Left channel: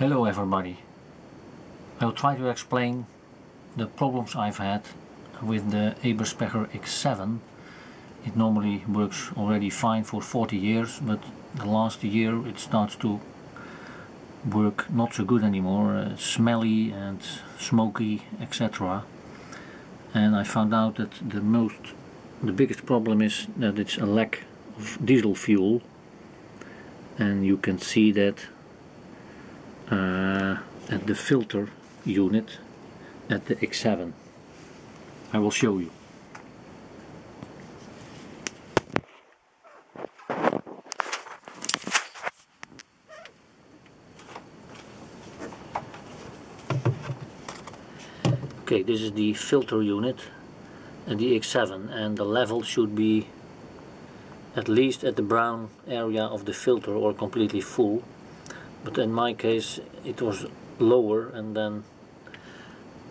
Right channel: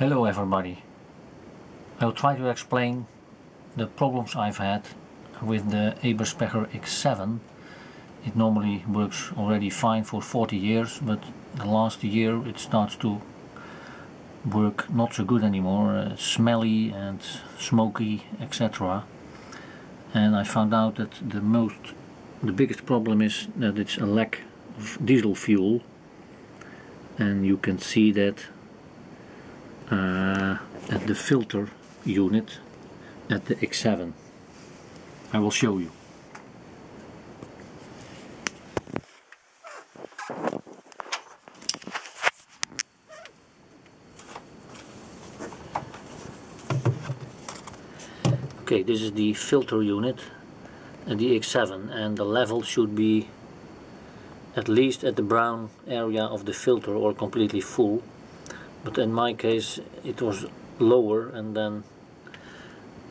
Hello everybody. I'll try to explain the problems I've had with the Eberspacher X7. It normally works already fine for 40 years, but the last year it starts to work not so good anymore, smelly and smoky, etc. And I found out that the biggest problem is that it's a lack of diesel fuel, and you can see that at the filter unit at the X7. I will show you. Okay, this is the filter unit at the X7, and the level should be at least at the brown area of the filter or completely full. But in my case it was lower, and then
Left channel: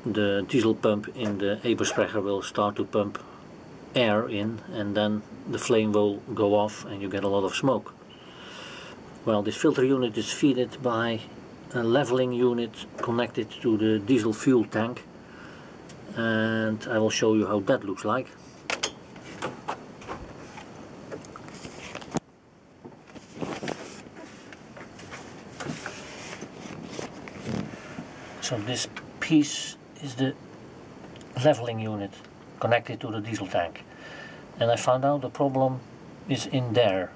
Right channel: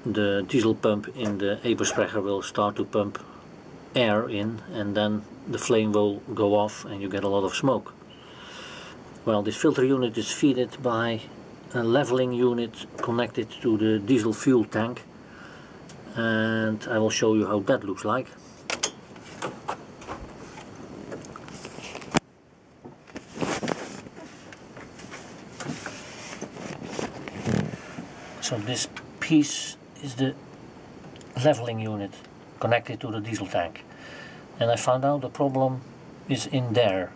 the diesel pump in the Eberspacher will start to pump air in, and then the flame will go off and you get a lot of smoke. Well, this filter unit is fed by a leveling unit connected to the diesel fuel tank, and I will show you how that looks like. So this piece is the leveling unit connected to the diesel tank, and I found out the problem is in there.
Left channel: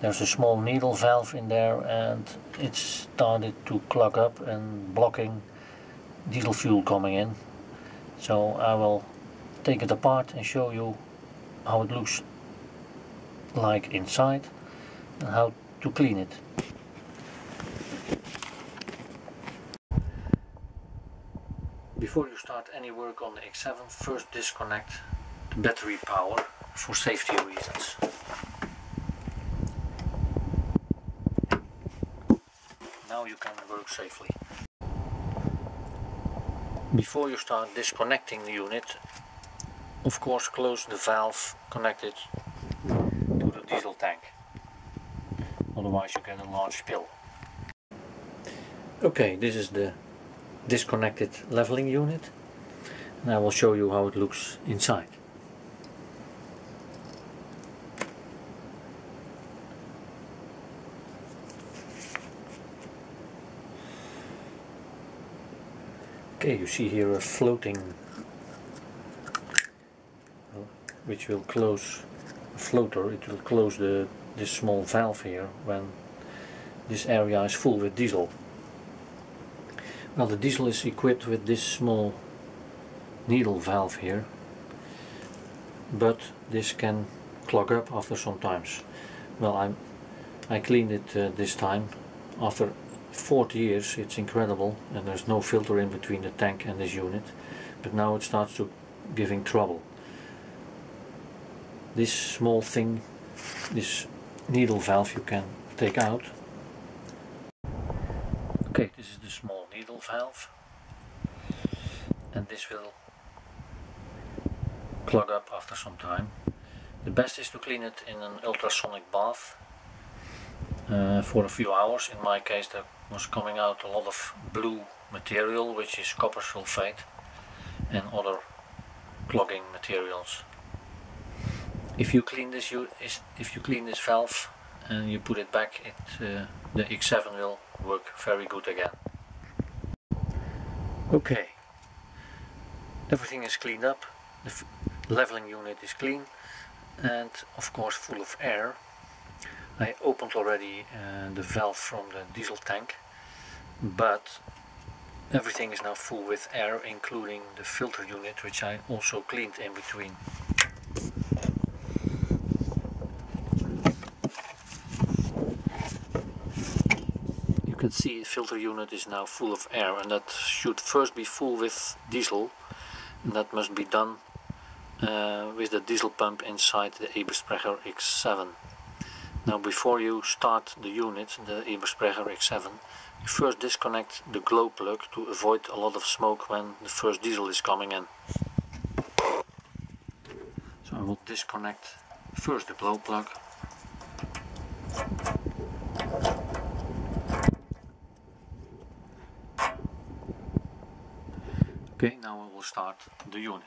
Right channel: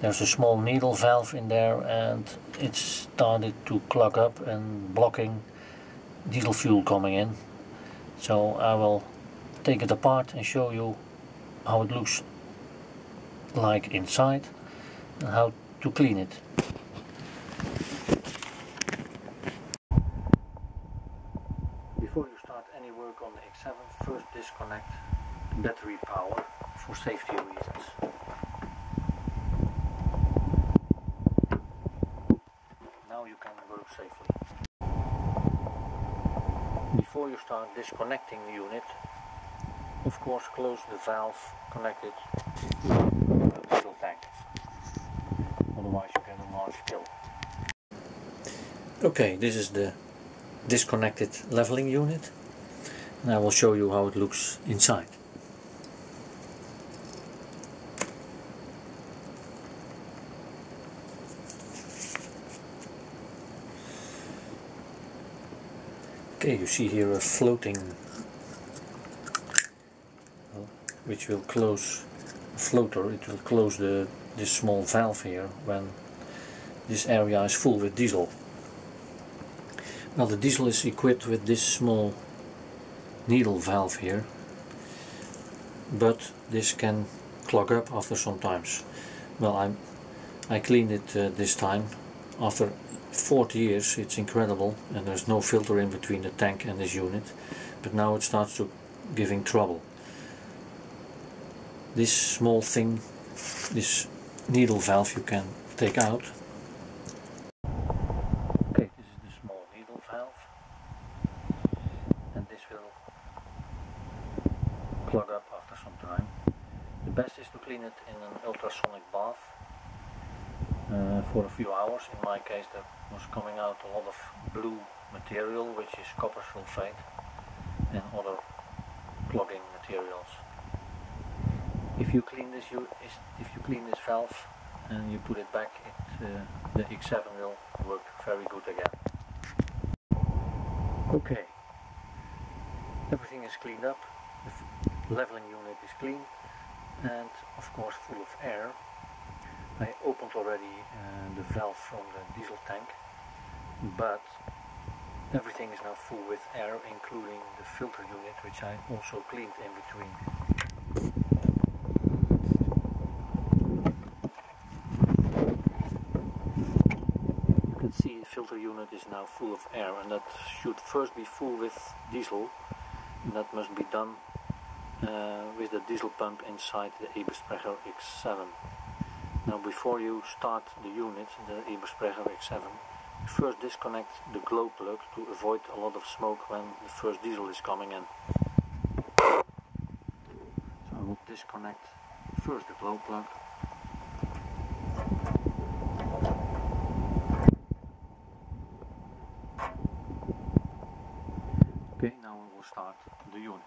There's a small needle valve in there, and it started to clog up and blocking diesel fuel coming in. So I will take it apart and show you how it looks like inside and how to clean it. Before you start any work on the X7, first disconnect the battery power for safety reasons. Now you can work safely. Before you start disconnecting the unit, of course close the valve connected to the diesel tank. Otherwise you get a large spill. Okay, this is the disconnected leveling unit, and I will show you how it looks inside. Okay, you see here a floating, which will close a floater. It will close this small valve here when this area is full with diesel. Well, the diesel is equipped with this small needle valve here, but this can clog up after some times. Well, I cleaned it this time. After 40 years, it's incredible, and there's no filter in between the tank and this unit, but now it starts to giving trouble. This small thing, this needle valve, you can take out. Okay, this is the small needle valve, and this will clog up after some time. The best is to clean it in an ultrasonic bath for a few hours. In my case there was coming out a lot of blue material, which is copper sulfate and other clogging materials. If you clean this valve and you put it back, the X7 will work very good again. Okay, everything is cleaned up. The leveling unit is clean and of course full of air. I opened already the valve from the diesel tank, but everything is now full with air, including the filter unit, which I also cleaned in between. You can see the filter unit is now full of air, and that should first be full with diesel, and that must be done with the diesel pump inside the Eberspacher X7. Now, before you start the unit, the Eberspacher X7, you first disconnect the glow plug to avoid a lot of smoke when the first diesel is coming in. So I will disconnect first the glow plug. will start the unit.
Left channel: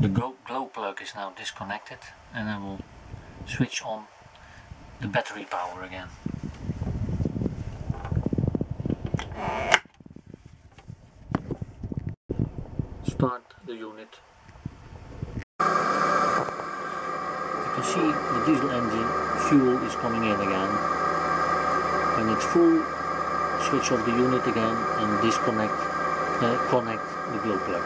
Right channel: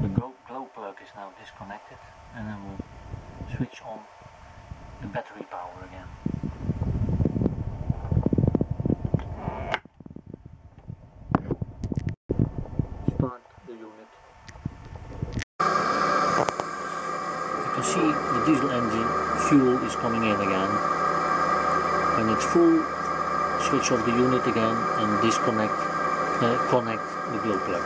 The glow plug is now disconnected, and I will switch on the battery power again. Start the unit. You can see the diesel engine fuel is coming in again. When it's full, switch off the unit again and connect the glow plug.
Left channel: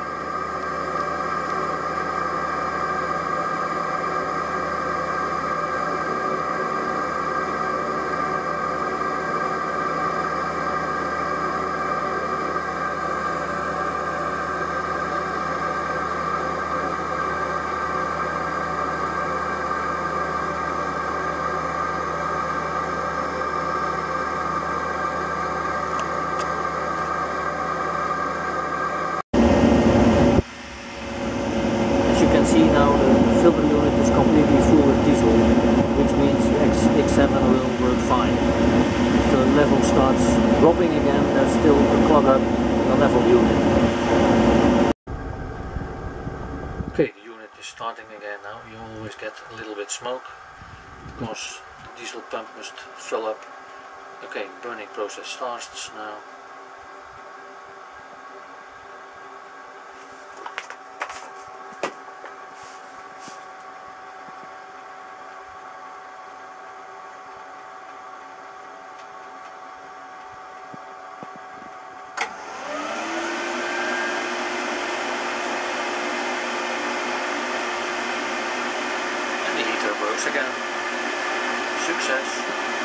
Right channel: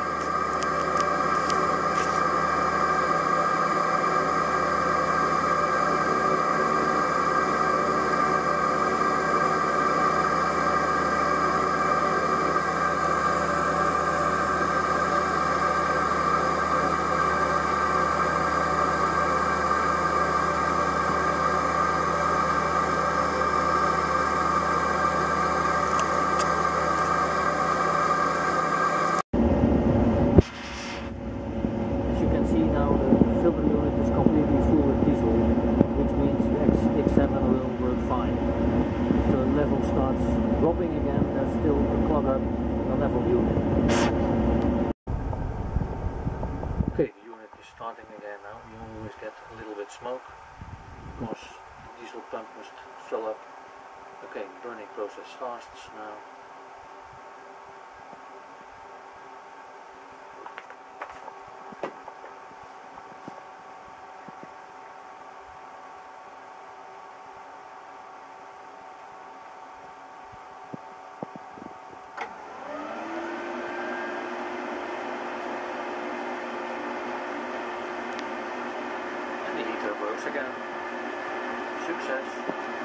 See now the filter unit is completely full with diesel, which means the X7 will work fine. If the level starts dropping again, there's still a clog up in the level unit. Okay, the unit is starting again now. You always get a little bit smoke because the diesel pump must fill up. Okay, burning process starts now. Works again. Success.